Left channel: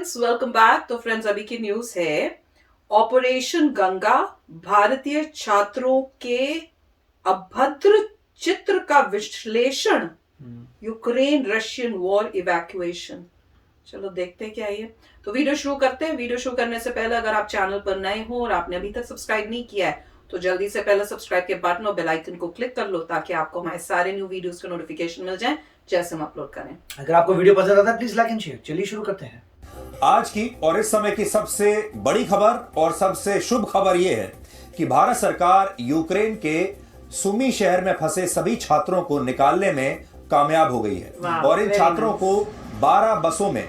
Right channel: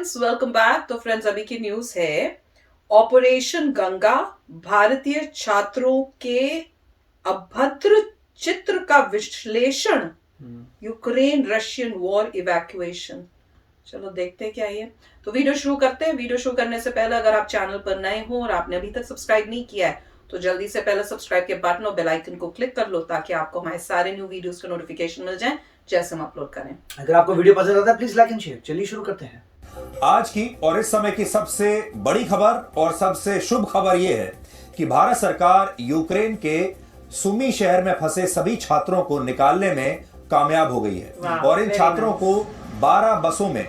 Friends, welcome back. तो friends, अभी की न्यूज है ऑपरेशन गंगा, भारतीय छात्रों के अभद्र चित्र का विश्लेषण, यूक्रेन रशियन वॉर इवैक्यूएशन। चलो देखते हैं क्या है। तो वीडियो शुरू करते हैं। वीडियो शुरू करने से पहले अगर आप चैनल पर नए हो और आपने अभी तक सब्सक्राइब नहीं किया है तो जल्दी से पहले सब्सक्राइब के बटन और बेल आइकन को क्लिक कर लो ताकि आपको हमारे सारे न्यू वीडियोस के नोटिफिकेशन मिल जाएं जैसे हम अपलोड करें। अगर आपको वीडियो पसंद आता है प्लीज लाइक एंड शेयर। चलिए शुरू करते हैं। आज की और इस समय की सबसे बड़ी खबर और सबसे शुभ खबर यह है कि भारत सरकार यूक्रेन के सुमी शहर में फंसे सभी छात्रों को निकालने में कामयाब हो गई है और इन छात्रों को 12 बसों में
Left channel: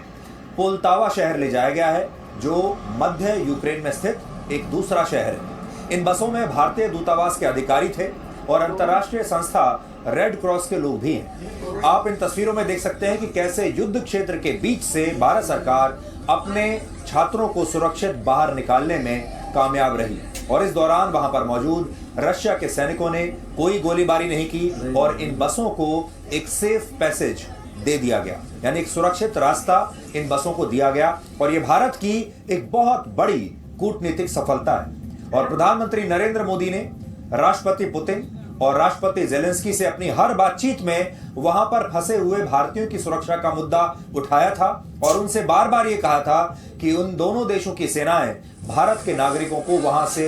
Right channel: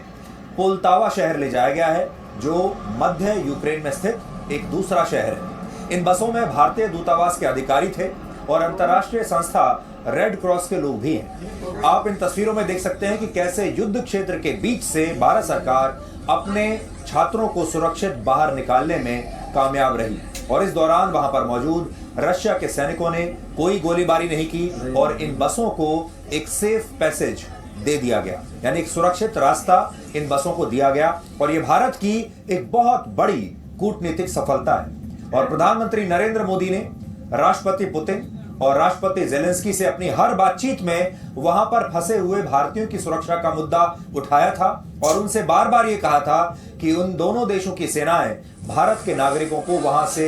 पोल्तावा शहर ले जाया गया है जो मध्य यूक्रेन में स्थित एक दूसरा शहर है। इन बसों में भारतीय दूतावास के अधिकारी थे और अंतर्राष्ट्रीय संस्था रेड क्रॉस के लोग भी हैं। आप इन तस्वीरों में देख सकते हैं कि कैसे युद्ध क्षेत्र के बीच से भारत सरकार अपने छात्रों को सुरक्षित बाहर निकालने में कामयाब रही और इस दौरान वहां पर मौजूद रशिया के सैनिकों ने कोई गोलीबारी नहीं की और इन बसों को एक सेफ पैसेज दे दिया गया, यानी एक सुरक्षित रास्ता इन बसों को दिया गया और यह भारत की एक बहुत बड़ी कूटनीतिक सफलता है। और प्रधानमंत्री नरेंद्र मोदी ने राष्ट्रपति पुतिन और राष्ट्रपति जेलेंस्की से अपनी हर बातचीत में वहां पर फंसे हुए भारतीयों की सुरक्षा का मुद्दा उठाया था और उनसे बार बार यह कहा था कि उन दोनों देशों की सेनाएं भारत के नागरिकों को वहां से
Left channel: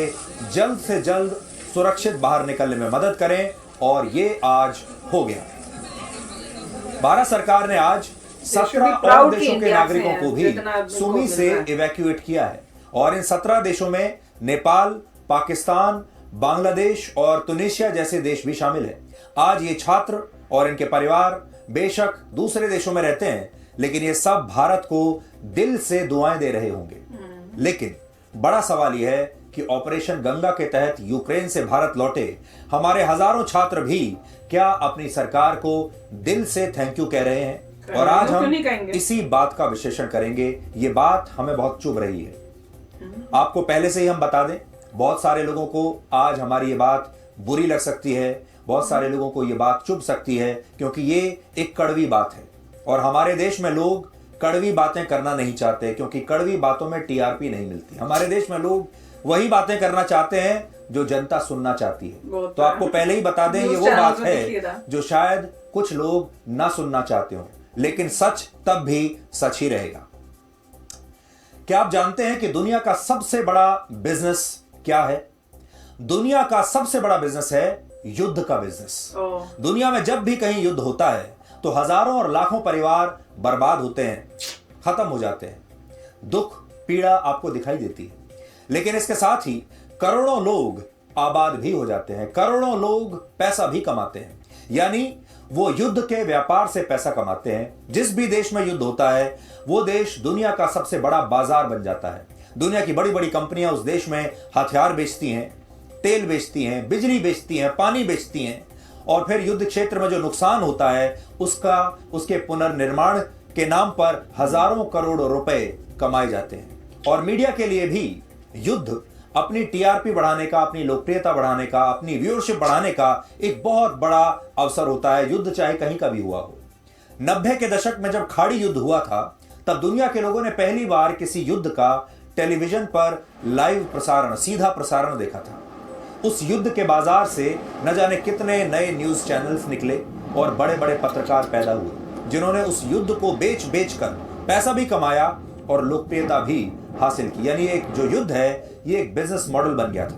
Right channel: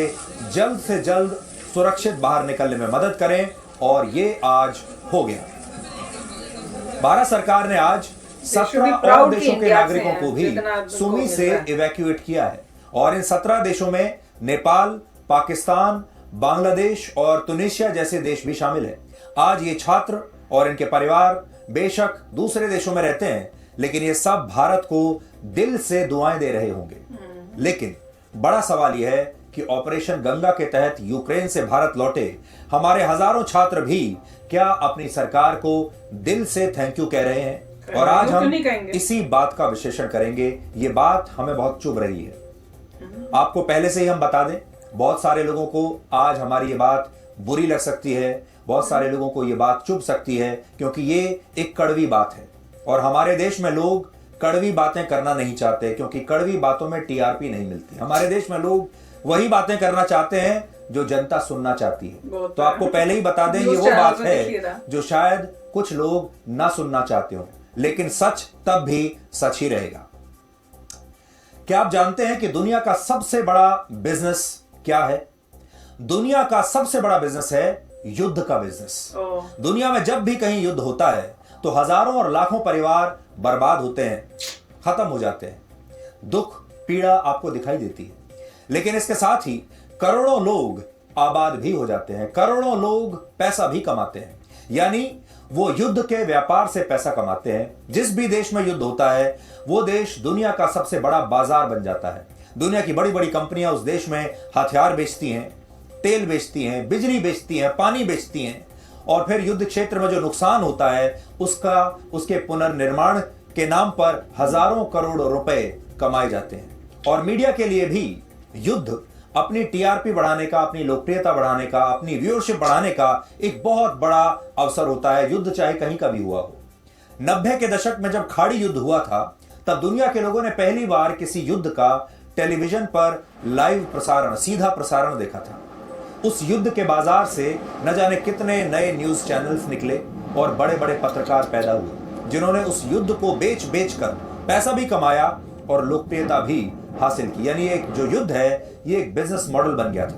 जल्द सुरक्षित बाहर निकलने में मदद करें और ये आज हो गया। भारत सरकार ने आज 17 और देशों के नागरिकों को भी सुमी से इवैक्यूएट किया है और इन 17 देशों में नेपाल, पाकिस्तान, बांग्लादेश और तुनिशिया जैसे देश भी शामिल हैं। आज ये छात्र और इनके परिवार बेशक दूसरे देशों में रहते हैं लेकिन ये सब भारत को दिल से दुआएं दे रहे होंगे। लेकिन बड़ा सवाल यह है कि ऑपरेशन गंगा के तहत यूक्रेन से भारत लौटे हमारे हजारों छात्र भी क्या अपनी सरकार को दिल से थैंक यू कह रहे हैं? और आज हम इसी बात का विश्लेषण करेंगे। ये बात हमें बहुत चुभ रही है। आपको पहले से ही हम बता दें, बहुत सारे लोगों को आज हमारी ये बात बुरी लग सकती है, बहुत सारे लोगों को ये बात चुभ सकती है क्योंकि ये एक कड़वी बात है और हमारे देश में लोग कड़वी बातें करना नहीं चाहते क्योंकि कड़वी बातों में टीआरपी नहीं मिलती। हमारे देश में लोग वही बातें करना चाहते हैं जो जनता सुनना चाहती है। तो आपको पहले ही बता दें, ये वो बात है जो शायद कुछ लोग ना सुनना चाहते हो लेकिन सच तब भी सच ही रहेगा। क्या आप जानते हैं कि दुनिया का सबसे बड़ा बिजनेस क्या है? दुनिया का सबसे बड़ा बिजनेस है युद्ध का बिजनेस। दुनिया में जब भी कहीं युद्ध होता है तो हजारों और लाखों परिवार बर्बाद होते हैं, खत्म हो जाते हैं, दुख पीड़ा आपको दिखाई देती है। लेकिन इसके साथ ही करोड़ों लोग आबाद भी हो जाते हैं, करोड़ों लोग पैसा भी कमाते हैं, यानी वो युद्ध के व्यापार से पैसा कमाते हैं। जिस भी देश में युद्ध होता है वो देश दुनिया का सबसे बड़ा बाजार बन जाता है। दुनिया की बड़ी बड़ी कंपनियां उस देश में हथियार बेचती हैं, तेल बेचती हैं, बिजली बेचती हैं, पानी बेचती हैं और फिर युद्ध क्षेत्र में जो नुकसान होता है उसके पुनर्निर्माण के नाम पर हजारों करोड़ रुपए कमाए जाते हैं। और मीडिया के लिए भी युद्ध अपनी टीआरपी बढ़ाने का, अपनी लोकप्रियता बढ़ाने का, अपनी व्यूअरशिप बढ़ाने का एक बहुत बड़ा अवसर होता है, युद्ध चाहे कहीं का भी हुआ हो। 90 के दशक में जब खाड़ी युद्ध हुआ था तब दुनिया के लोगों ने पहली बार किसी युद्ध का टेलीविजन पर लाइव प्रसारण, सीधा प्रसारण देखा था। उस युद्ध के बाजार से न जाने कितने नए न्यूज चैनल्स निकले और बड़े बड़े पत्रकार पैदा हुए जिन्होंने उस युद्ध को बेच कर पैसा भी कमाया और लोकप्रियता भी हासिल की। यानी एक जो युद्ध है ये एक बिजनेस मॉडल बन गया था।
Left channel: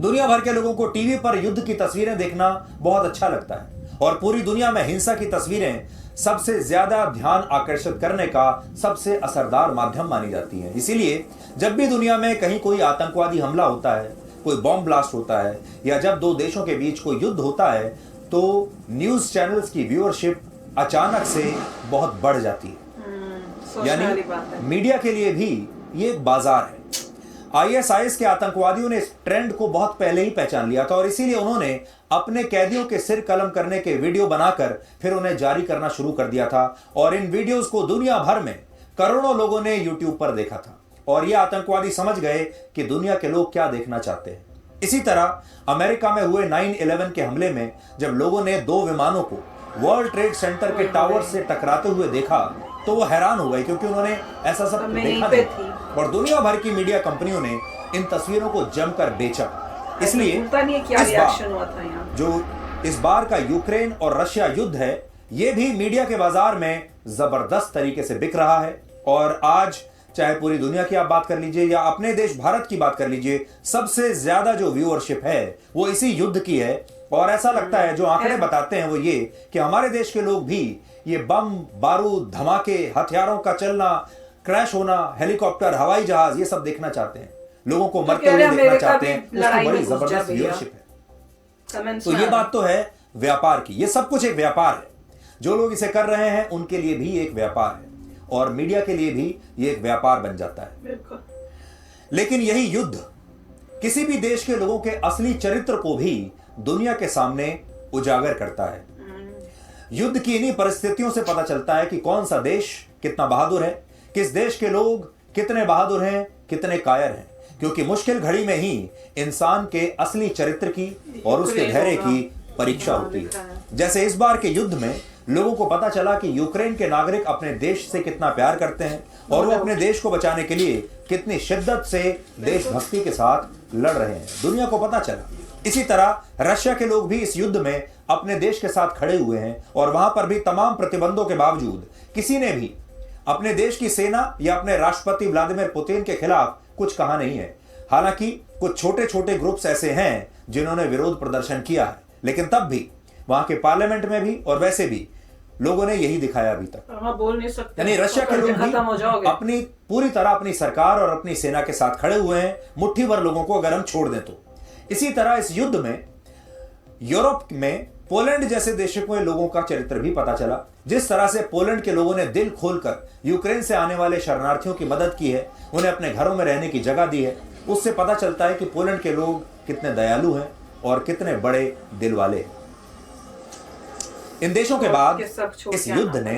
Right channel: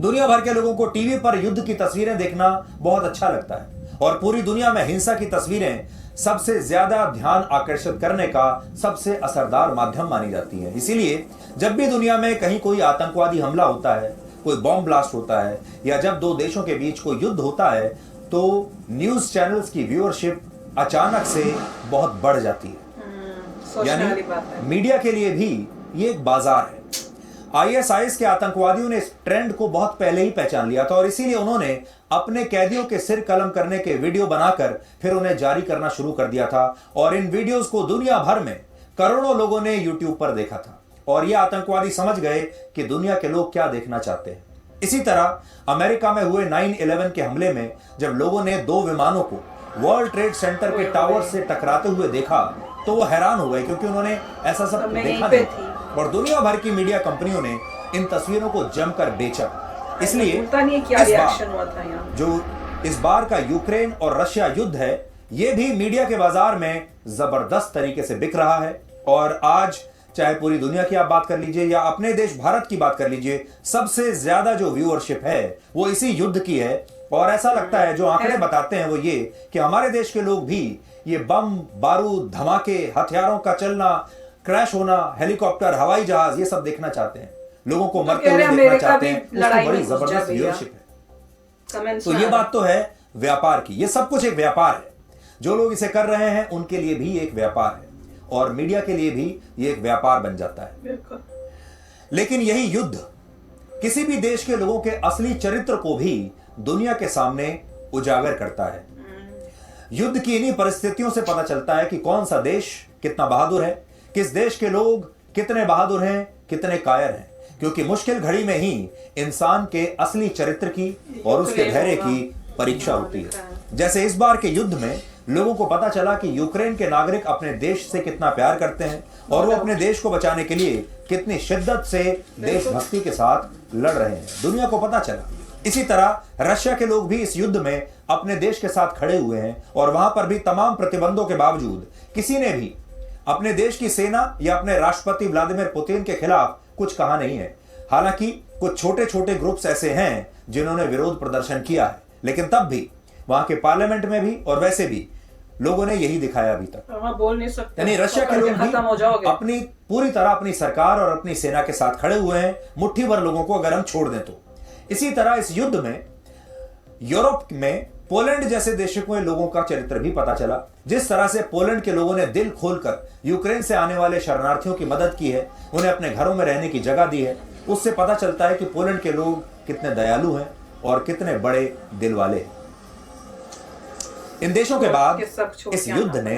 दुनिया भर के लोगों को टीवी पर युद्ध की तस्वीरें देखना बहुत अच्छा लगता है और पूरी दुनिया में हिंसा की तस्वीरें सबसे ज्यादा ध्यान आकर्षित करने का सबसे असरदार माध्यम मानी जाती हैं। इसीलिए जब भी दुनिया में कहीं कोई आतंकवादी हमला होता है, कोई बॉम्ब ब्लास्ट होता है या जब दो देशों के बीच कोई युद्ध होता है तो न्यूज चैनल्स की व्यूअरशिप अचानक से बहुत बढ़ जाती है। यानी मीडिया के लिए भी ये एक बाजार है। आईएसआईएस के आतंकवादियों ने इस ट्रेंड को बहुत पहले ही पहचान लिया था और इसीलिए उन्होंने अपने कैदियों के सिर कलम करने के वीडियो बनाकर फिर उन्हें जारी करना शुरू कर दिया था और इन वीडियोस को दुनिया भर में करोड़ों लोगों ने यूट्यूब पर देखा था और ये आतंकवादी समझ गए कि दुनिया के लोग क्या देखना चाहते हैं। इसी तरह अमेरिका में हुए 9/11 के हमले में जब लोगों ने 2 विमानों को वर्ल्ड ट्रेड सेंटर के टावर से टकराते हुए देखा तो वो हैरान हो गए क्योंकि उन्होंने ऐसा सब मैं देखा यहीं नहीं पे था। और दुनिया भर की मीडिया कंपनियों ने इन तस्वीरों को जमकर बेचा। इसलिए पता नहीं क्या इस रिएक्शन बार हुआ था यहाँ। जो इस बार का यूक्रेन और रशिया युद्ध है, ये भी मीडिया के बाजार में जबरदस्त तरीके से बिक रहा है। और आज चाहे पूरी दुनिया की आप बात कर लीजिए या अपने देश भारत की बात कर लीजिए, सबसे ज्यादा जो व्यूअरशिप है वो इसी युद्ध की है। और ऐसा लगता है, जो आंकड़े बताते हैं वो ये कि हमारे देश के लोग भी ये बम, बारूद, धमाके, हथियारों का चलना, क्रैश होना, हेलीकॉप्टर, हवाई जहाज, ये सब देखना चाहते हैं। लोगों को मरते हुए देखना चाहते हैं। उसकी बड़ी जबरदस्त व्यूअरशिप है। तो ये बात तो है व्यापार की। ये सब कुछ एक व्यापार है। जो लोग इसे कर रहे हैं उनके लिए भी एक व्यापार है और मीडिया के लिए भी ये एक व्यापार बन जाता है। बिल्कुल। लेकिन यही युद्ध किसी भी देश के लोगों के असली चरित्र को भी दुनिया के सामने उजागर करता है। युद्ध की इन्हीं परिस्थितियों से पता चलता है कि कौन सा देश कितना बहादुर है, किस देश के लोग कितने बहादुर हैं, कितने कायर हैं। क्योंकि मुश्किल घड़ी में ही इंसान के असली चरित्र की और उसके धैर्य की परीक्षा होती है। जैसे इस बार के युद्ध में लोगों को पता चला कि यूक्रेन के नागरिक अपने देश से कितना प्यार करते हैं और वो अपने देश को बचाने के लिए कितनी शिद्दत से देशभक्ति के साथ लड़ रहे हैं। दुनिया को पता चला। इसी तरह रशिया के लोग भी इस युद्ध में अपने देश के साथ खड़े हुए हैं और वहां पर भी तमाम प्रतिबंधों के बावजूद किसी ने भी अपने देश की सेना या अपने राष्ट्रपति व्लादिमीर पुतिन के खिलाफ कुछ कहा नहीं है। हालांकि कुछ छोटे छोटे ग्रुप्स ऐसे हैं जिन्होंने विरोध प्रदर्शन किया है, लेकिन तब भी वहां के पार्लियामेंट में भी और वैसे भी लोगों ने यही दिखाया अभी तक। बोल नहीं सकते। यानी रशिया के लोग भी अपनी पूरी तरह अपनी सरकार और अपनी सेना के साथ खड़े हुए हैं, मुट्ठी भर लोगों को अगर हम छोड़ दें तो। इसी तरह इस युद्ध में यूरोप में पोलैंड जैसे देशों के लोगों का चरित्र भी पता चला। जिस तरह से पोलैंड के लोगों ने दिल खोलकर यूक्रेन से आने वाले शरणार्थियों की मदद की है, उन्हें अपने घरों में रहने की जगह दी है, उससे पता चलता है कि पोलैंड के लोग कितने दयालु हैं और कितने बड़े दिल वाले हैं। इन देशों के बाद इस युद्ध ने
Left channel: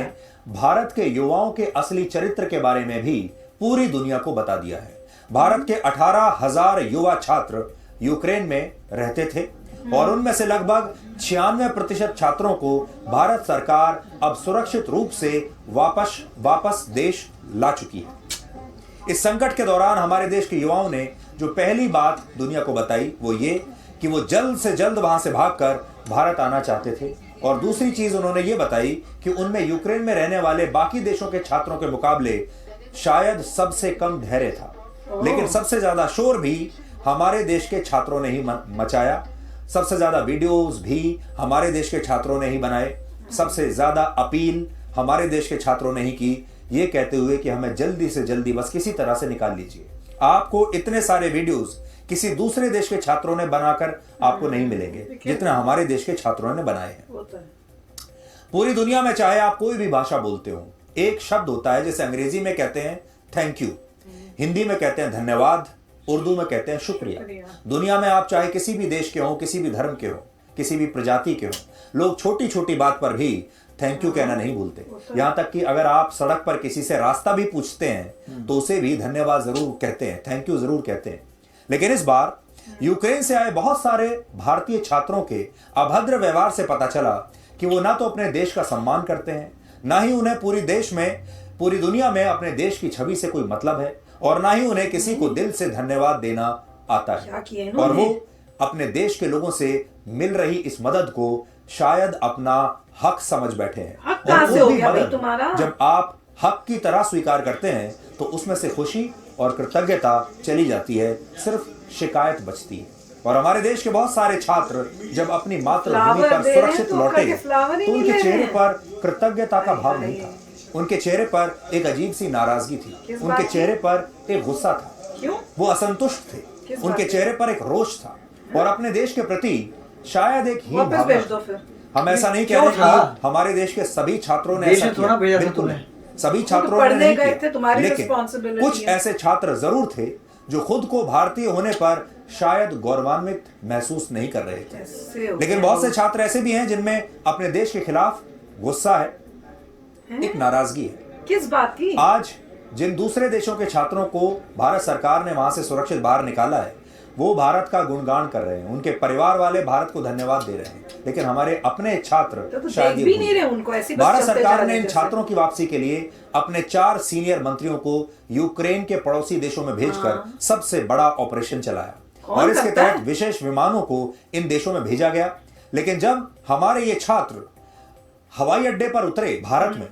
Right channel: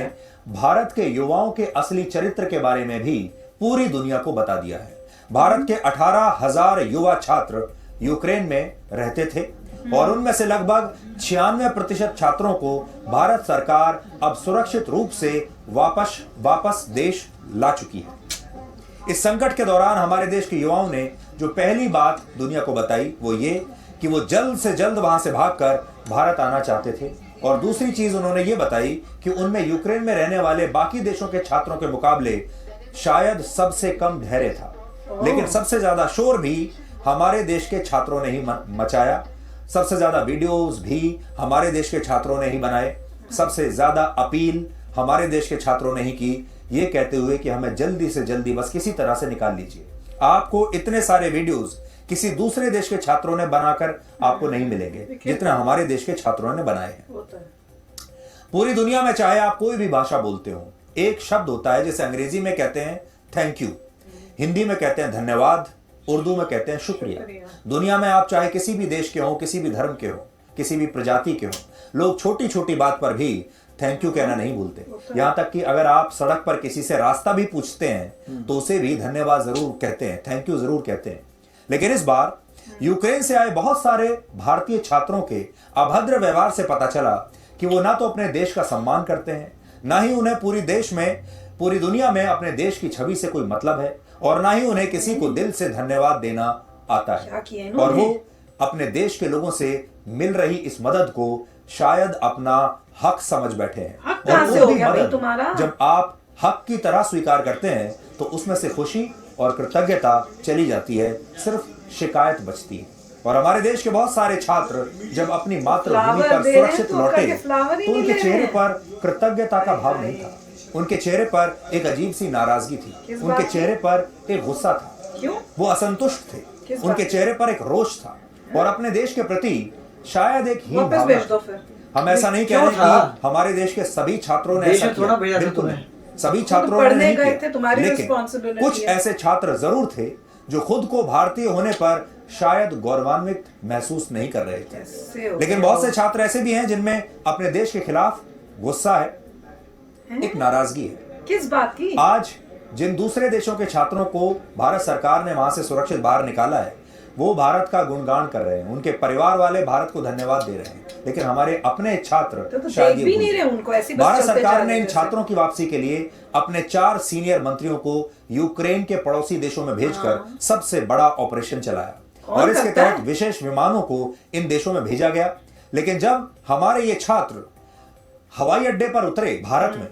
भारत के युवाओं के असली चरित्र के बारे में भी पूरी दुनिया को बता दिया है। भारत के 18,000 युवा छात्र यूक्रेन में रहते थे और उनमें से लगभग 96% छात्रों को भारत सरकार अब सुरक्षित रूप से वापस देश ला चुकी है। इस संकट के दौरान हमारे देश के युवाओं ने जो पहली बात दुनिया को बताई वो ये कि वो जल्द से जल्द वहां से भागकर भारत आना चाहते थे। और दूसरी चीज उन्होंने ये बताई कि उनमें यूक्रेन में रहने वाले बाकी देशों के छात्रों के मुकाबले शायद सबसे कम धैर्य था, लेकिन सबसे ज्यादा शोर भी हमारे देश के छात्रों ने ही मचाया। सबसे ज्यादा वीडियोस भी हमारे देश के छात्रों ने ही बनाए। सबसे ज्यादा अपील हमारे देश के छात्रों ने ही की, ये कहते हुए कि हमें जल्दी से जल्दी बस किसी तरह से निकाल लीजिए। आपको इतने सारे वीडियोस किसी दूसरे देश के छात्रों ने बनाकर आपको नहीं मिलेंगे जितना हमारे देश के छात्रों ने बनाए हैं। पूरी दुनिया में चाहे आप कोई भी भाषा बोलते हो, एक शब्द होता है जिसे अंग्रेजी में कहते हैं थैंक यू, हिंदी में कहते हैं धन्यवाद, उर्दू में कहते हैं शुक्रिया। दुनिया में आप चाहे किसी भी देश के हो, किसी भी धर्म के हो, किसी भी प्रजाति के हो, लोग छोटी छोटी बात पर भी थैंक यू कहना नहीं भूलते। यहां तक कि अगर आप सड़क पर किसी से रास्ता भी पूछते हैं तो उसे भी धन्यवाद जरूर कहते हैं, थैंक यू जरूर कहते हैं। लेकिन इस बार यूक्रेन से आए बहुत सारे भारतीय छात्रों के अभद्र व्यवहार से पता चला कि वो ना तो अपने देश का सम्मान करते हैं, ना ही उन्हें पूरी दुनिया में अपने देश की छवि से कोई मतलब है, और ना ही उन्हें किसी को दिल से धन्यवाद देना आता है। और वो अपने देश के लोगों से मिल रही इस मदद को शायद अपना हक समझ बैठे हैं। और वो भी मदद जब आप हक की तरह स्वीकार करते हैं तो उसमें से खुशी और कृतज्ञता चली जाती है, सिर्फ शिकायत बचती है। और हमारे देश के बहुत सारे छात्र जब अपनी मातृभूमि पर सुरक्षित लौटे तो उनके चेहरे पर कृतज्ञता का भाव नहीं था। उनके चेहरे पर एक अजीब सी नाराजगी थी, उनके चेहरे पर एक गुस्सा था, वो असंतुष्ट थे, उनके चेहरे पर एक रोष था और अपने देश के प्रति शायद एक हीन भावना थी। हम ऐसा नहीं कह रहे कि हमारे देश के सभी छात्रों ने ऐसा किया, बिल्कुल नहीं, सभी छात्रों ने नहीं किया, लेकिन कुछ ऐसे छात्र जरूर थे जो खुद को भारतीय होने पर शायद गौरवान्वित महसूस नहीं कर रहे थे। लेकिन बहुत से छात्र ऐसे भी हैं जिनमें अपने देश के खिलाफ गुस्सा है, एक नाराजगी है। किस बात की? आज जिन दूसरे देशों के छात्रों को भारत सरकार ने वहां से सुरक्षित बाहर निकाला है वो भारत का गुणगान कर रहे हैं, उनके परिवार वाले भारत को धन्यवाद दे रहे हैं, लेकिन हमारे अपने छात्र तो शायद देख ये भी भूल नहीं रहे गए। उनको, ऐसे बस भारत चलते सरकार जा ने रहे इन जैसे। छात्रों की वापसी के लिए अपने 4 सीनियर मंत्रियों को यूक्रेन के पड़ोसी देशों में भेजकर सबसे बड़ा ऑपरेशन चलाया और इसके करता है? तहत विशेष विमानों को इन देशों में भेजा गया। लेकिन जब हमारे ये छात्र हवाई अड्डे पर उतरे भारत में,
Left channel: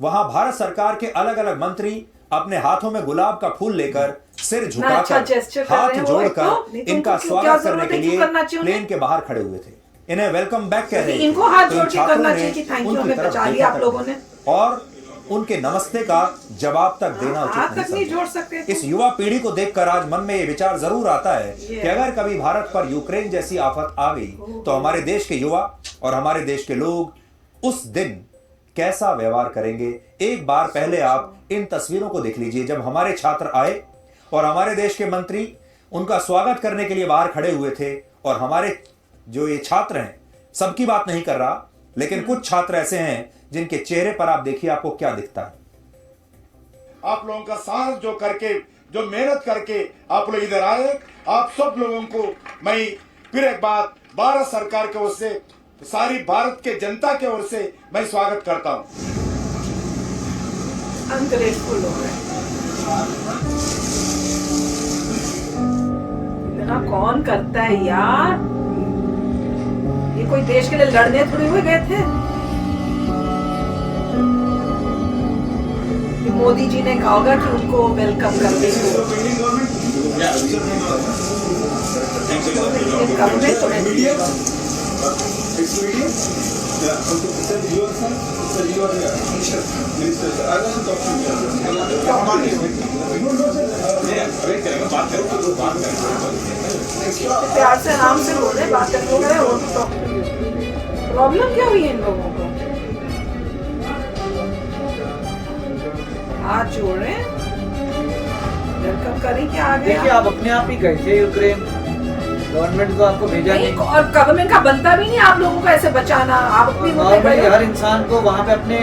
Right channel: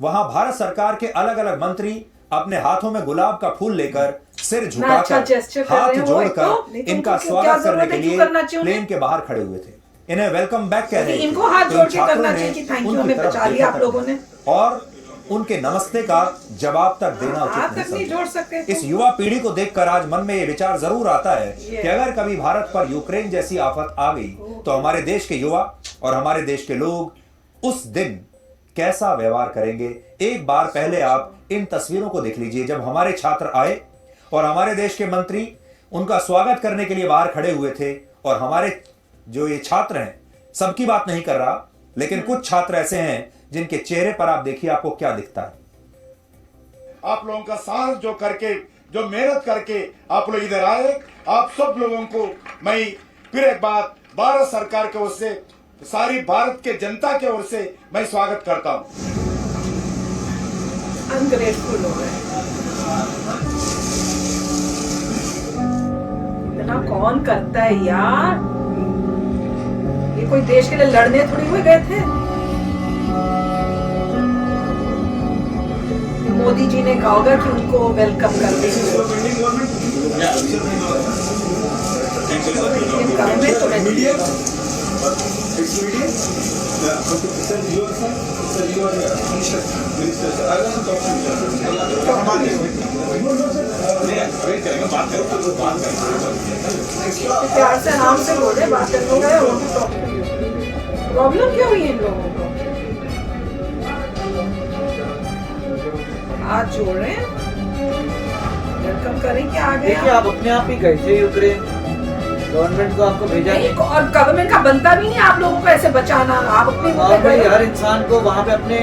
वहां भारत सरकार के अलग अलग मंत्री अपने हाथों में गुलाब का फूल लेकर सिर अच्छा झुकाकर gesture कर हाथ रहे हैं वो, जोड़कर नहीं तो इनका उनको क्या स्वागत करने जरूरत के है, क्यों लिए करना चाहिए उन्हें? प्लेन के बाहर खड़े हुए थे। इन्हें वेलकम बैक कह रहे थे। इनको हाथ तो इन जोड़ के छात्रों करना ने चाहिए कि थैंक यू उनकी हमें तरफ बचा देखा लिया आप तक लोगों नहीं ने। और उनके नमस्ते का जवाब तक देना उचित हाथ नहीं तक नहीं समझा। जोड़ सकते इस युवा पीढ़ी को देखकर आज मन में ये विचार जरूर आता है ये। कि अगर कभी भारत पर यूक्रेन जैसी आफत आ गई तो हमारे देश के युवा और हमारे देश के लोग उस दिन कैसा व्यवहार करेंगे। एक बार पहले आप इन तस्वीरों को देख लीजिए, जब हमारे छात्र आए और हमारे देश के मंत्री उनका स्वागत करने के लिए बाहर खड़े हुए थे। और हमारे जो ये छात्र हैं, सबकी बात नहीं कर रहा, लेकिन कुछ छात्र ऐसे हैं जिनके चेहरे पर आप देखिए आपको क्या दिखता है। आप लोगों का साहस जो करके, जो मेहनत करके आप लोग इधर आए, आप सब लोगों को मैं फिर एक बार भारत सरकार की ओर से, सारी भारत के जनता की ओर से मैं स्वागत करता हूं। अनग्रेटफुल हो गए। इतना कौन करता है यार? ये कोई देश के लिए लड़ने थोड़ी हुए गए थे। मोदी जी ने कहा होगा कि उनको वेलकम कर देंगे। प्यार से आराम से बोल रहे, बात कर रहे हो। प्रॉब्लम क्या हुई है इन लोगों को? हाथ जोड़ रहे हैं, वेलकम करें क्या आ देखिए, गया? आप अपने आप ही गए थे यूक्रेन, गवर्नमेंट को आपको भेजा नहीं, नहीं। और गवर्नमेंट का बनता भी नहीं आप लोगों को ऐसे बचाना। आप अपनी वो पे नॉर्मली गए। हर इंसान को वहाँ पे अपने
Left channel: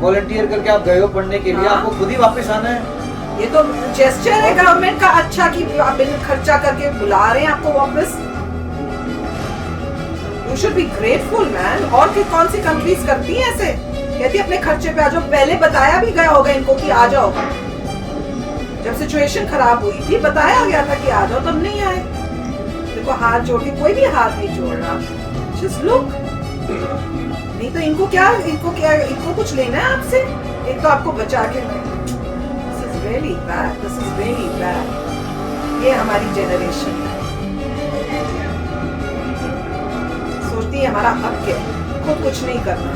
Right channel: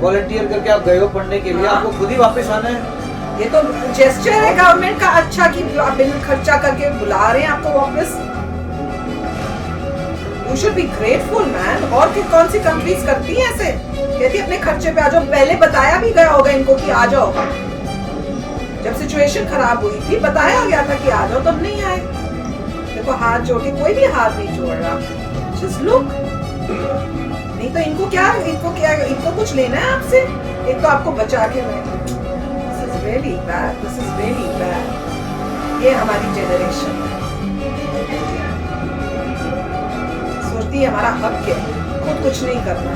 वॉलंटियर करके आप गए हो पढ़ने के लिए, हाँ। आपको खुद ही वापस आना है। ये तो जेस्चर है गवर्नमेंट का अच्छा कि आप बिल खर्चा करके बुला रहे हैं आपको वापस। You should be grateful man. और कि कौन सी कंट्रीज करती है ऐसे? कहती है अपने खर्चे पे आ जाओ। पहले बताया भी गया होगा इनको कि आ जाओ। जब सिचुएशन खराब हुई थी बताया गया था कि आ जाओ, तब नहीं आए। देखो हाथ जोड़ के, कोई भी हाथ नहीं जोड़ रहा। Just look. नहीं तो इनको कुछ लेना है आपसे? एक तो आपको बचा के दिस इज वेरी बैड। ये हमारी जनरेशन है, सोचती है हमारा हक है, खुद कुछ नहीं करना।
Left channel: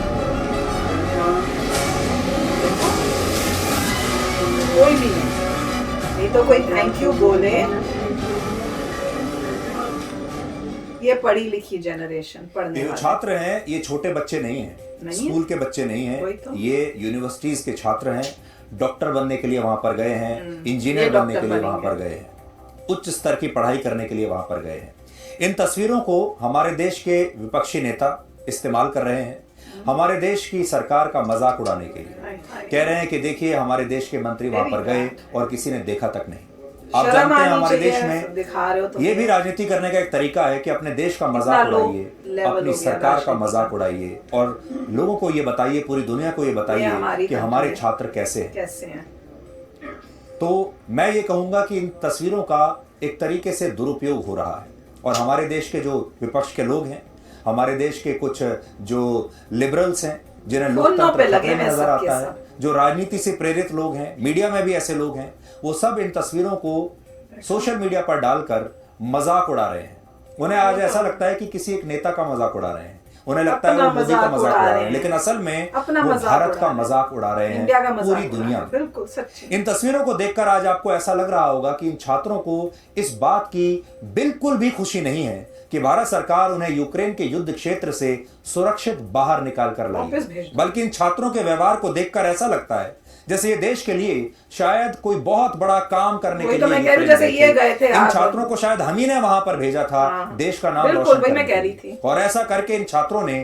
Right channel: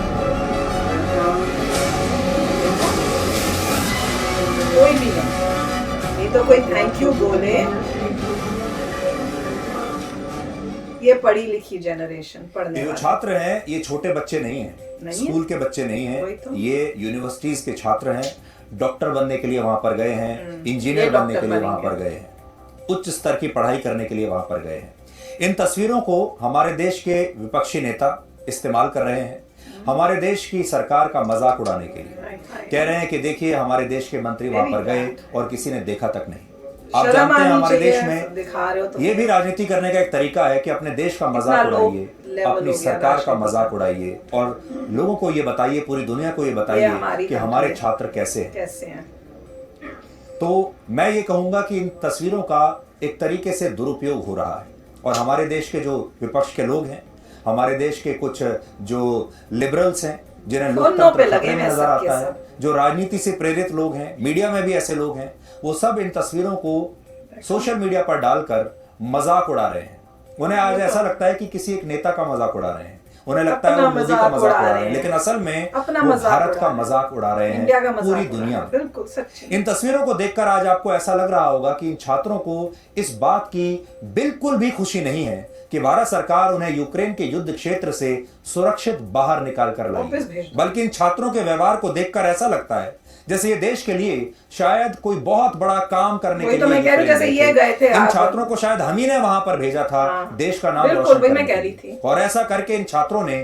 कोई भी नहीं तो कोई थैंक यू बोले। ये पढ़ी लिखी जनरेशन, पढ़ने ये जो वाले। छात्र हैं ये छोटे बच्चे नहीं हैं, नहीं है? स्कूल के बच्चे नहीं वही हैं, तो। ये यूनिवर्सिटीज के छात्र हैं। डॉक्टर बनने के लिए वहां पर गए हैं, इंजीनियर ये बनने के डॉक्टर लिए वहां पर बनेंगे। गए हैं, उच्च स्तर की पढ़ाई करने के लिए वहां पर गए हैं। इन तस्वीरों को हमारे देश के विपक्षी नेता इस्तेमाल कर रहे हैं हमारे देश की सरकार का मजाक उड़ाने के लिए। कह रहे हैं कि देखिए हमारे देश के मंत्री वहां पर गए और किसी ने देखा तक नहीं। आप शर्म जानते हैं आनी हमारे चाहिए, देश में दिखा रहे हो तो ये भी राजनीति करने का एक तरीका है कि अपने देश का मजाक लो उड़ाइए, लेवल हो अपनी गया सरकार का राजनीति मजाक का। उड़ाइए और लोगों को ये बताइए, पूरी दुनिया को ये ये बताइए हमारी कि हमारे कंट्री छात्र कैसे हैं। कैसे हैं। तो मैं ये कहूंगा कि इन तस्वीरों का एक तरीके से दुरुपयोग हो रहा है और हमारे देश के जो विपक्ष के लोग हैं, हमारे देश के कुछ जो लिबरल्स हैं जिन्हें उन लोग पे लोकतंत्र लगे खतरे में हैं नजर सबके आता है, सब। जो राजनीति से प्रेरित लोग हैं, मीडिया में भी ऐसे लोग हैं, वो सब इन तस्वीरों को सोशल मीडिया पर डालकर मजाक उड़ा रहे हैं। उन्हें आज ऐसा लगता है कि किसी एक नेता का मजाक उड़ा रहे हैं, उन्हें लगता है वो अपना मोदी का मजाक मजाक उड़ा उड़ा रहे रहे हैं, हैं। लेकिन असल में अपना वो मजाक भारत उड़ा का रहे हैं। मजाक उड़ा रहे इंडिया का हैं मजाक पूरी उड़ा दुनिया रहे हैं। में। बिल्कुल सच्ची। इन तस्वीरों को देखकर आज आपको ऐसा लग रहा होगा कि इन छात्रों को इस बात की बिल्कुल भी खुशी नहीं है कि भारत सरकार उन्हें यूक्रेन के युद्ध क्षेत्र से सुरक्षित बाहर निकाल कर लाई, वापस भेज दो। बल्कि इन छात्रों के व्यवहार को देखकर ऐसा लगता है जैसे ये देश के लिए शायद कोई बहुत बड़ा काम करने वही के तो लिए मैं कह रही हूँ, यूक्रेन जैसे ये गए थे इन आप। छात्रों को शायद हम ही ने वहां पर भेजा था हाँ। देश का नाम बिल्कुल, रोशन वही करने मैं कह के रही लिए। थी। और ऐसा करके इन छात्रों ने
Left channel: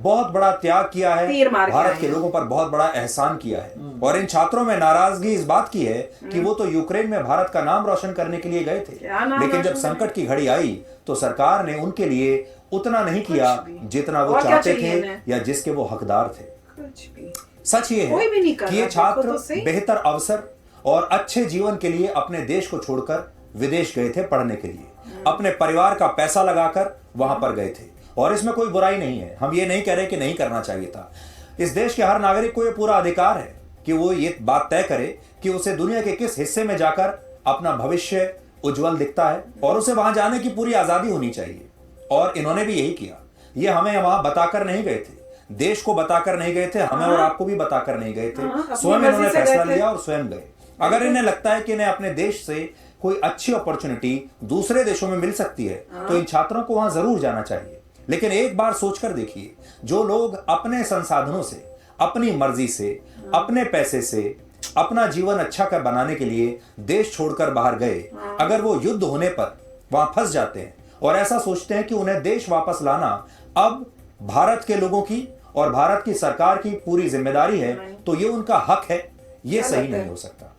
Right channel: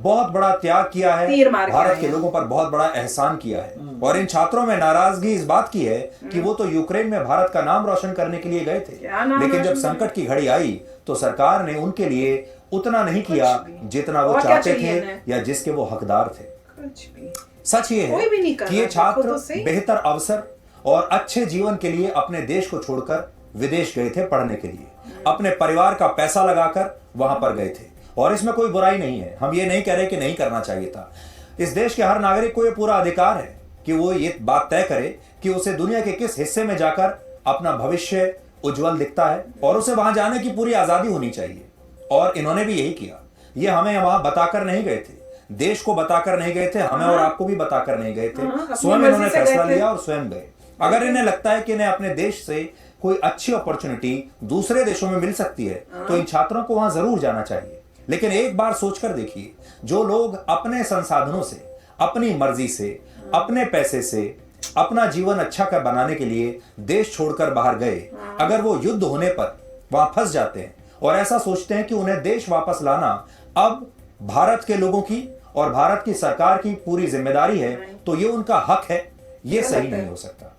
बहुत बड़ा त्याग किया है, तीर मार के भारत आए के हैं। लोगों पर बहुत बड़ा एहसान किया है। और इन छात्रों में नाराजगी इस बात की है कि वो तो यूक्रेन में भारत का नाम रोशन करने के लिए गए थे, क्या नाम लेकिन जब रोशन संकट की घड़ी आई तो सरकार ने उनके लिए उतना नहीं किया जितना वो और क्या चाहते चाहिए थे इन्हें? या जिसके वो हकदार थे। कुछ भी। सच ये कोई भी नहीं है कर कि ये रहा, छात्र देखो तो सही। बेहतर अवसर और अच्छे जीवन के लिए अपने देश को छोड़कर विदेश गए थे पढ़ने के लिए, अपने परिवार का पैसा लगाकर वहां पर गए थे। और इसमें कोई बुराई नहीं है, हम ये नहीं कह रहे कि नहीं करना चाहिए था। इस देश के हर नागरिक को ये पूरा अधिकार है कि वो ये बात तय करे कि उसे दुनिया के किस हिस्से में जाकर अपना भविष्य उज्जवल दिखता है, और उसे वहां जाने की पूरी आजादी होनी चाहिए। और इन्होंने भी यही किया। ये हमें वहां बताकर नहीं गए थे, देश को बताकर नहीं गए थे, हमें और आपको भी बताकर नहीं गए थे, अपनी स्वयं मर्जी इन्होंने से फैसला गए थे। लिया और स्वयं गए। अगर इन्हें लगता है कि इन्हें अपने देश से कोई अच्छी अपॉर्चुनिटी दूसरे देशों में मिल सकती है तो इन छात्रों को वहां जरूर जाना चाहिए। लेकिन एक बार सोचकर देखिए, जो लोग अपने संसाधनों से, अपनी मर्जी से, अपने पैसे से अपना जीवन अच्छा कर बनाने के लिए देश छोड़कर बाहर गए, अगर वो युद्ध होने पर वहां फंस जाते हैं और ऐसा सोचते हैं कि उन्हें देश वापस लाना अब भारत के लोगों की और भारत की सरकार की पूरी जिम्मेदारी है, तो ये उनका हक है, ये सही नहीं हो सकता।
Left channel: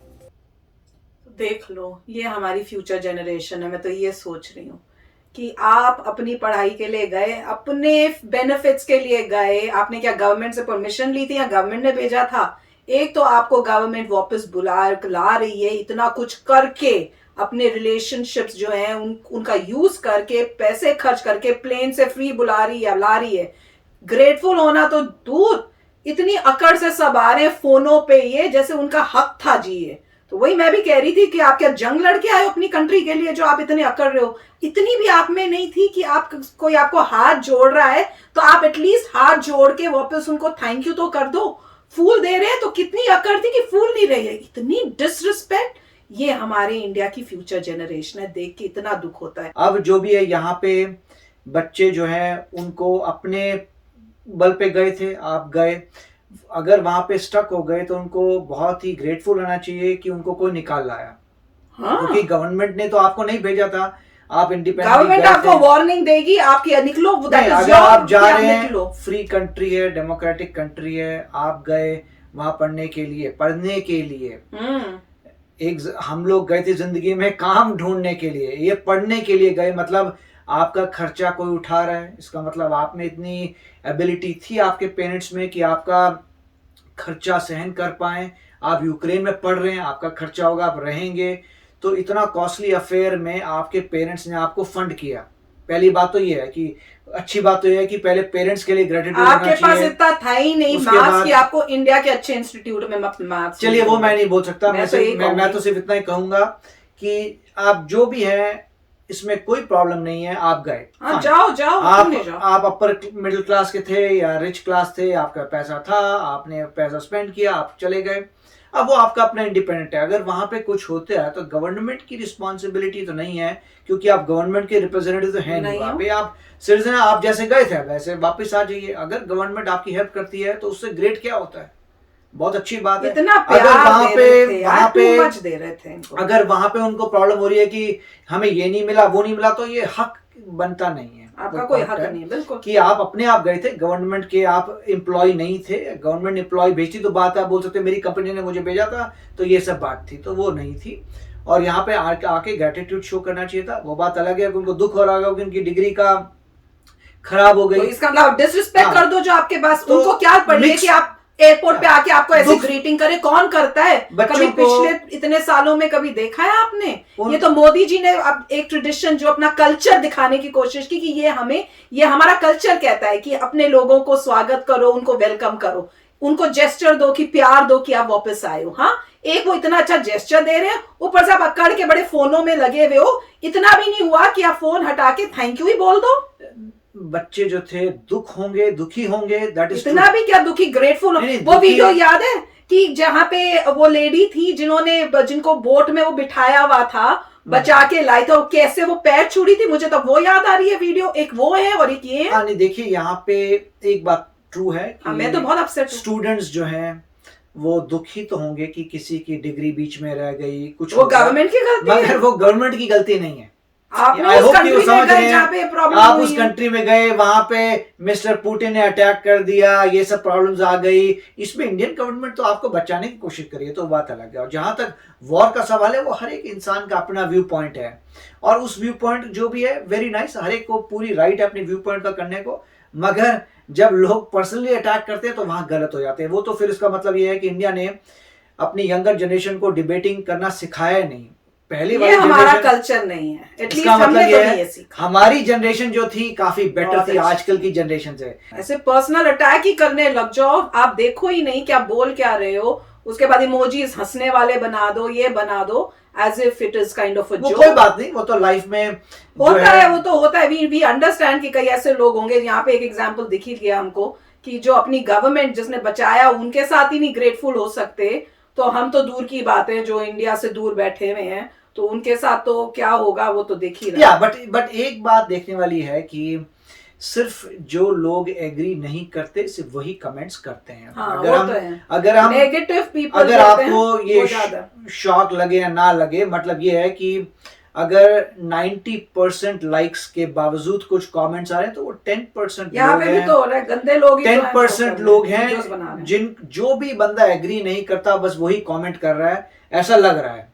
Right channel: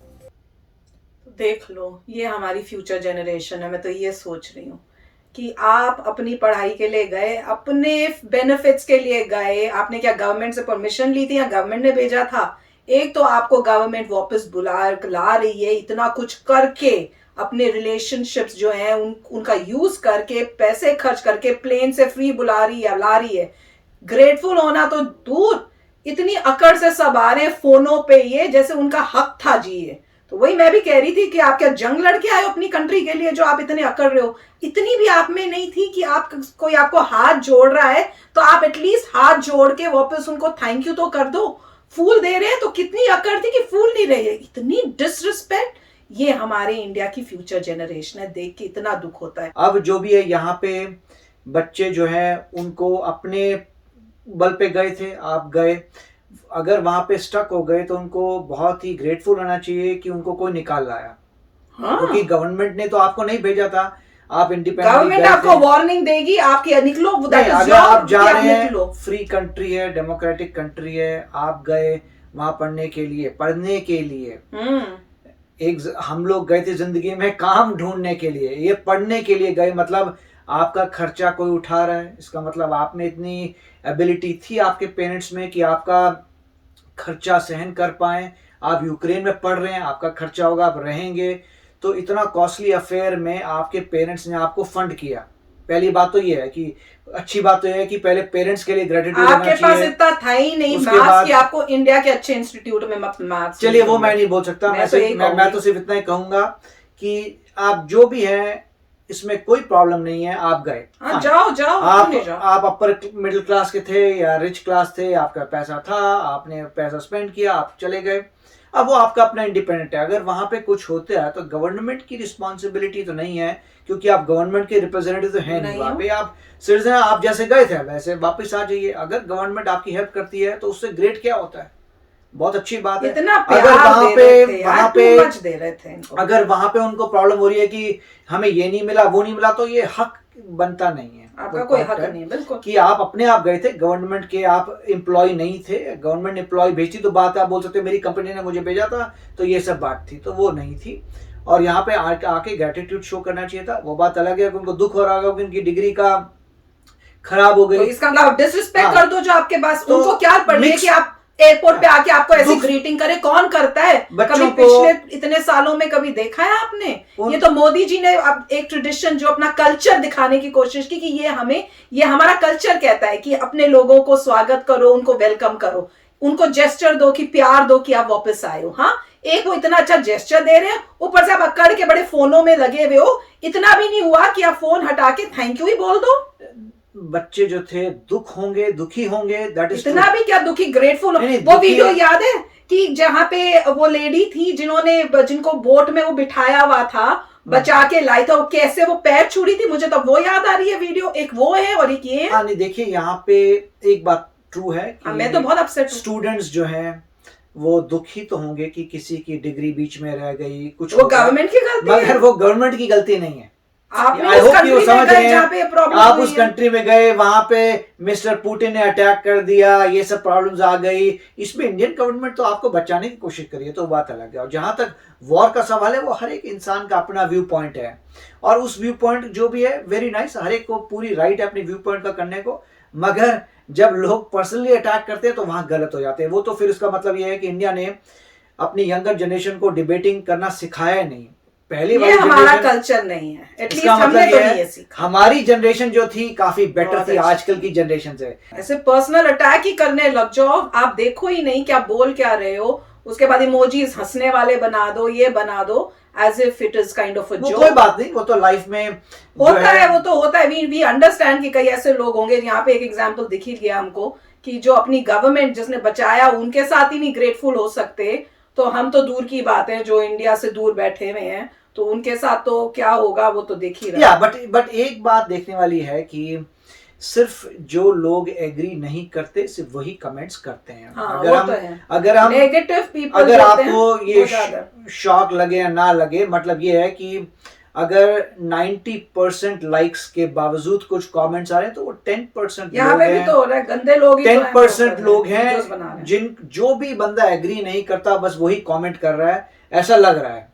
देख लो, ये हमारी फ्यूचर जनरेशन है। मैं तो ये सोच रही हूँ कि आप अपनी पढ़ाई के लिए गए, अपने बेनिफिट्स के लिए गए, आपने क्या गवर्नमेंट से परमिशन ली थी या गवर्नमेंट ने भेजा था? एक तो आपको गवर्नमेंट वापस ला रही है, इतना कुछ करके अपने रिलेशनशिप्स जो हैं उनका यूज करके, पैसे खर्च करके प्लेन से फ्री बुला रही है, ला रही है। ग्रेटफुल होना तो दूर, इतनी अकड़ से सब आ रहे हैं फोनों पे, ये जैसे उनका हक था जी। ये तो वही मैं भी कह रही थी कि आप क्या जंग लड़के आए हो अपनी कंट्री के लिए, जो आप इतने अकड़ रहे हो? इतनी भी आप में नहीं थी कि आप कोई आपको हाथ जोड़ रहा है तो आप एटलीस्ट हाथ जोड़ के वापस उनको थैंक यू तो कर दो। फूल दे रहे हैं तो कितनी अकड़ थी कि फूल नहीं रही है, इतनी डिसरिस्पेक्ट। ये हमारे इंडिया की फ्यूचर जनरेशन है, देख के इतना दुख होता है। अब जो भी है, यहाँ पे बच्चे जो हैं उनको अपने बल पे गए थे, आप गए, अगर वहां पे स्टक हो गए तो उनको बहुत ही ग्रेटफुल होना चाहिए कि उनको कोई निकाल लाया। हाँ। क्योंकि गवर्नमेंट ने तो आपको नहीं भेजा था, आप इंडिपेंडेंट गवर्नमेंट आपको वार्निंग देगी, आपकी निकलो, नहीं, अगर आप जा रहे हैं, निकलो। फ्री कंट्री है, डेमोक्रेटिक कंट्री है, आप गए वहां पढ़ने के लिए एक हम लोग गए थे जिंदगी में काम ढूंढने के लिए, ये पढ़ने के लिए गए। मतलब आपका खर्चा कोई उठा रहा है, इसका मतलब आप में इतनी एबिलिटी थी आपके पेरेंट्स में कि आपका खर्चा सहन कर पाए। आप यूक्रेन में पढ़ रहे हैं, आपका खर्चा होगा, आप रहेंगे, तो इतना कॉस्टली अफेयर में आपके पेरेंट्स ने आपको फंड किया। पहली बात तो ये है कि अच्छी बात तो ये है कि पहले पेरेंट्स के लिए ग्रेटिट्यूड होना चाहिए। आपके पास इतना था ही नहीं उसके मार्क्स बाद- कि आपको इंडिया के अच्छे इंस्टीट्यूट में मार्क्स। चलिए वो मैं नहीं बोल सकता, मैं तो तो सिर्फ इतना ही कहूंगा कि आप जो भी हैं इसमें कोई प्रॉब्लम नहीं है, आप गए। हाँ, जाओ जाओ, क्यों नहीं जाओ? आप अपर मिडिल क्लास के थे या रिच क्लास थे, आपका पैसा था, आपने पैसा स्पेंड किया, आप चले गए। अब वो आपका अपना इंडिपेंडेंट है। अगर वहां पे कुछ होता है तो गवर्नमेंट की रिस्पॉन्सिबिलिटी तो नहीं है, क्योंकि आप गवर्नमेंट के रिप्रेजेंटेटिव तो है नहीं वहां पे। आप सिटीजन, आप जैसे गए थे वैसे वापस आ जाइए। अगर गवर्नमेंट आपकी हेल्प करती है तो उससे ग्रेट क्या होता है, बहुत अच्छी बात है। इतना अगर प्यार वहां दे पे रहे थे यार, वहां too पे much दे रहे थे इनको। अगर वहां पे उनको प्रॉब्लम हो रही है कि हमें ये नहीं मिला, वो नहीं मिला, तो ये हक बनता नहीं है। आपका कोई हक नहीं है, बिल्कुल। कि आप अपने आप गए थे, गवर्नमेंट के आप एम्प्लॉय नहीं थे। गवर्नमेंट एम्प्लॉय भेजती तो बात है, आप बोल सकते मेरी कंपनी ने मुझे भेजा था, तो ये सब बात थी, तो वो नहीं थी। और यहाँ पे आके ग्रेटिट्यूड शो करना चाहिए था। वो बात अलग है कि उनको दुख हो रहा होगा कि उनकी डिग्री का खराब हो तो गई। इसका मतलब डिसरिस्पेक्ट हाँ। कर दो जो आपके पास। तो उनको क्या पड़ी है कि आप एयरपोर्ट पे आके आपको ऐसे दुख- ग्रीटिंग करे? कौन करता है? बच्चों कभी को- पिछले इतने सालों में कभी देखा है आपने? ये तो मोदी जी ने अब एक ट्रेडिशन, जो अपना कल्चर दिखाने की कोशिश की कि ये हमारा कल्चर कहता है कि अपने लोगों को स्वागत करो, उनको वेलकम करो, उनको जेस्चर दो कि प्यार दो कि आप वापस आए हो। हाँ, एक वो इतना अच्छा जेस्चर दे रहे हैं, ऊपर से आप अकड़ के बड़े फोनों में लगे हुए हो। इतना भी नहीं हुआ कि आप फोन हटा के थैंक यू ही बोल दो? बच्चे जो थे दुखी होंगे, दैट इज इतना भी क्या दुखी, ग्रेटफुल? नहीं, वो दुखी- वीडियो याद है कि जहां पे वो लेडी थी जिनको बोट में वो बिठाया हुआ था, बचा के लाई था, वो कैसे वो पैर छू रही थी, मुझे तो वो याद आ रही है वीडियो। एक वो है और एक ये है। हाँ, नहीं, देखिए यहाँ पे एक बात ट्रू है कि मैं तो बहुत अपसेट हूँ। स्टूडेंट्स जो हैं वो दुखी तो होंगे कि किसी की डिग्री बीच में रह गई, कुछ वो हो गया। गवर्नमेंट की गलती है। मगर वो गवर्नमेंट की गलती नहीं है। आपने I उस hope कि वो कंट्री में समझ गए रहे जहाँ पे हैं, प्रॉब्लम आप हुई उस है। कंट्री में गए, वहां पे मिस्टर पुतिन ने अटैक कर दिया, ये सब प्रॉब्लम्स आ गई, इसमें इंडियन गवर्नमेंट तो आपको बचाने की कोशिश करी है, तो बात अलग है। और जहां तक वॉर का सवाल है, वो हर एक इंसान का अपना व्यू पॉइंट है, और उस व्यू पॉइंट जो भी है वेरी नाइस, हर एक को पूरी राइट है अपने व्यू पॉइंट का करने को, मगर जब लोग पर्सनली अटैक करते हैं तो वहां गलत हो जाते हैं। वो तो फिर इसका मतलब ये है कि इंडिया ने अपनी यंगर जनरेशन को डिबेटिंग करना सिखाया नहीं। पहली ये वाली हमारा जनरेशन, कल्चर नहीं है, एटलीस्ट इसका हमने मतलब तो ये नहीं है ये सीखा। हमारी जनरेशन जो थी काफी बेटर बहुत थी अच्छी आजकल की जनरेशन से। ऐसे पर्सनल अटैक ही करने लग जाओ, आप देखो ही नहीं क्या बोल क्या रहे हो, उसके बाद इमोजीज हंसने वाले बना दो, ये बना दो, as if it is kind of a वो जोक। कोई बात नहीं, वो तो लाइफ में होता है, वो तो होता है। वी अंडरस्टैंड कि कई ऐसे लोग होंगे, यहाँ पे एक एग्जांपल दिख ही गया हमको कि जो अपनी गवर्नमेंट जिसने बचाया उनके साथ ही नहीं ग्रेटफुल हो सकते, तो हम तो दूर की बात है जो इंडिया से दूर बैठे हुए हैं, तो उनके साथ तो क्या होगा वो तो देख ही रहा है। बट एक बात देखने वाली है कि सिर्फ जो लोग एग्री नहीं करते सिर्फ वही कमेंट्स करते हैं। हाँ, अगर वो हम तो है। अगर हम नेगेटिव पीपल अगर होते हैं, आपको वो ये ज्यादा। शॉक लगे या ना लगे, मतलब ये है कि अगर 90% लाइक्स के बावजूद कुछ कमेंट्स आ रहे हैं तो वो 10% यहाँ लोग पे भी हैं, तो हो रहा है, गंदे लोग ही तो हैं, 10% लोग हैं वीडियोस बना रहे हैं। जिन जो भी बंदा एग्री नहीं करता बस वही कमेंट कर रहा है, ऐसा लग रहा है।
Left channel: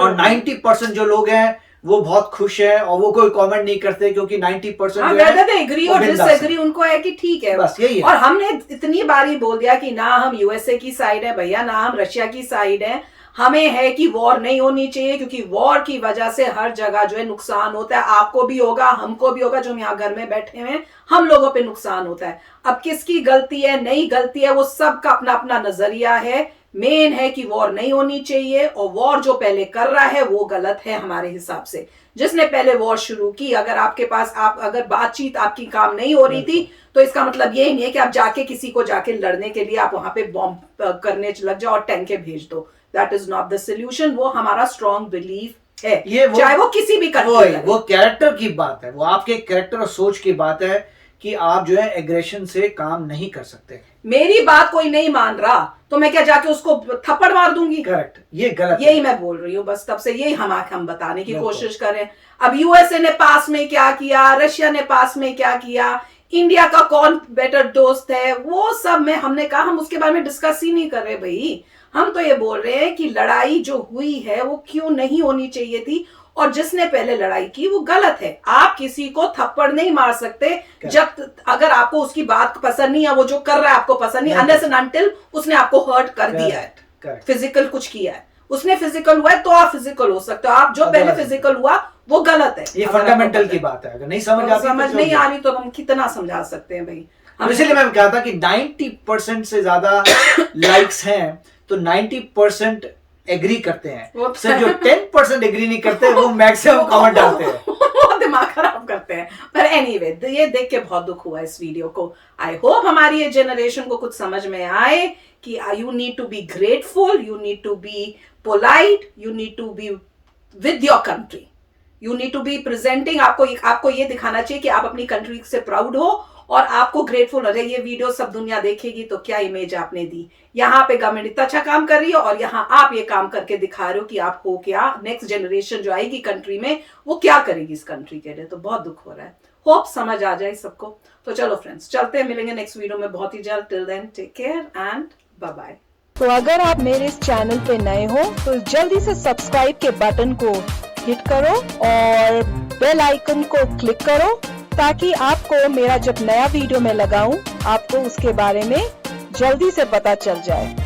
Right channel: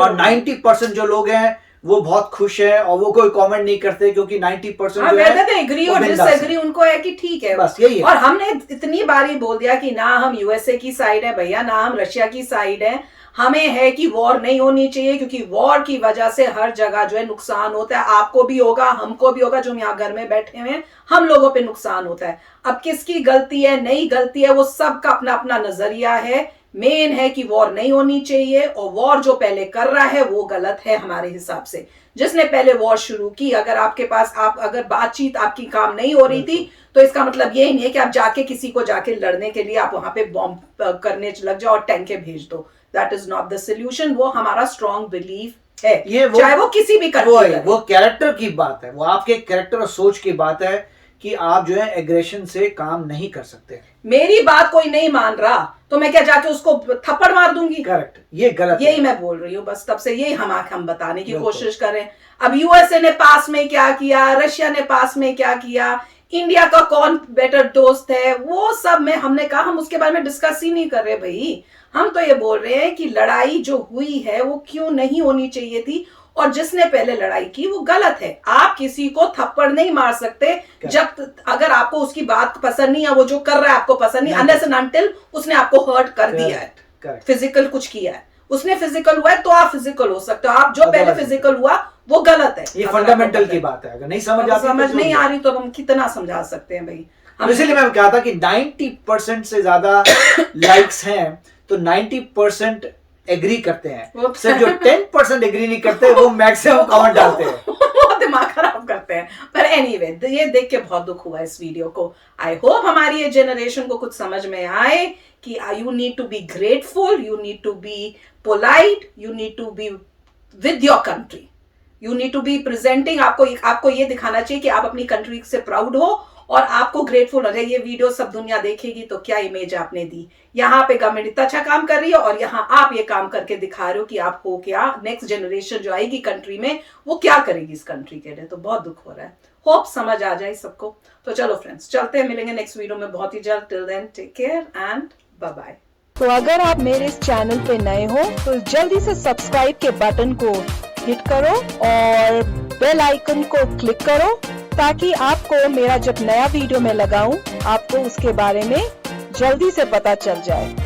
और 90% जो लोग हैं वो बहुत खुश हैं और वो कोई कमेंट नहीं करते, क्योंकि 90% हाँ, जो है whether they agree वो और बिंदास है। डिसएग्री उनको है कि ठीक है, बस यही है। और हमने इतनी बार ही बोल दिया कि ना हम यूएसए की साइड है भैया, ना हम रशिया की साइड है, हमें है कि वॉर नहीं होनी चाहिए, क्योंकि वॉर की वजह से हर जगह जो है नुकसान होता है, आपको भी होगा, हमको भी होगा, जो हम यहाँ घर में बैठे हुए हैं हम लोगों पे नुकसान होता है। अब किसकी गलती है नहीं गलती है वो सबका अपना अपना नजरिया है, मेन है कि वॉर नहीं होनी चाहिए, और वॉर जो पहले कर रहा है वो गलत है हमारे हिसाब से। जिसने पहले वॉर शुरू की, अगर आपके पास अगर बातचीत आपकी काम नहीं हो रही थी, तो इसका मतलब ये नहीं है कि आप जाके किसी को जाके लड़ने के लिए आप वहां पे बॉम्ब करने लग जाओ और टैंके भेज दो। That is not the solution. वो हमारा स्ट्रॉन्ग बिलीफ है, चाहे वो किसी भी कंट्री, वो कैरेक्टर की बात है, वो आपके कैरेक्टर और सोच की बात है कि आप जो है एग्रेशन से काम नहीं कर सकते। मेरी बात कोई नहीं मान रहा तो मैं क्या जाके उसको थप्पड़ मार दूंगी? करेक्ट, ये गलत यही है। मैं बोल रही हूँ, बस तब से यही हम बताने की बिल्कुल। कोशिश करें। अब यूएसए ने पास में क्या किया, रशिया ने पास में क्या किया, इंडिया का कौन बेटर दोस्त है, वो सब में हमने कहा हम उसके बारे में डिस्कस ही नहीं कर रहे भाई। हम तो ये बोल रहे हैं कि लड़ाई जो हुई है वो क्यों नहीं होनी चाहिए थी, और जिसने पहले लड़ाई की वो गलत है। आप किसी को थप्पड़ नहीं मार सकते जब अगर आपको उसकी बात पसंद नहीं है, वो जो कर रहा है आपको पसंद नहीं, अनलेस एंड अनटिल उसने आपको हर्ट कर दिया है, फिजिकल कुछ किया है, उसने फिजिकल हुआ है तो आप फिजिकल हो सकते हो। आप जो पहले फिजिकल हुआ वो गलत है। ये फंडामेंटल की बात है, अगर नहीं समझ आती समझ नहीं आ रही तो हम कितना समझा सकते हैं भाई। इसलिए मैं कहा था कि 90% से ज्यादा लाइक्स हैं तो 90% एग्री करते हैं, सिर्फ जो 10% एग्री नहीं करते वो मैक्सिमम कमेंट डालते हैं, वो दिमाग खराब करते हैं। पर एनीवे, ये देख के बहुत दुख हुआ इस वीडियो को। आई होप हमारी ये जनरेशन को कुछ समझ में आए कि you need to be grateful, you need to be polite, you need to be with your country, you need to be presenting. आपको ये दिखाना चाहिए कि आप अपनी कंट्री से प्राउड हो और आपको ग्रेटफुल हो रहे। ये वीडियो सब दुनिया देखेगी तो क्या इमेज आपने दी। यहाँ पे गवर्नमेंट इतना अच्छा काम कर रही है और यहाँ आप ये काम करके दिखा रहे हो कि आप हो क्या, नेक्स्ट जनरेशन जो आएगी कंट्री में वो क्या करेगी इस कंट्री के लिए। तो बहुत दुख हो रहा है, होप समझ आ जाए सबको। तो चलो फ्रेंड्स, चलते हैं, मिलेंगे नेक्स्ट वीडियो में बहुत ही जल्द। Till then take care and bye bye. तो अगर आप मेरे इस चैनल पे नए हो तो जल्दी से सब्सक्राइब के बटन को हिट करो और बेल आइकन को क्लिक करो, ताकि आपको मेरा जब नया वीडियो मैं लगाऊं आपको उसके बारे में जल्दी से पता चल जाए।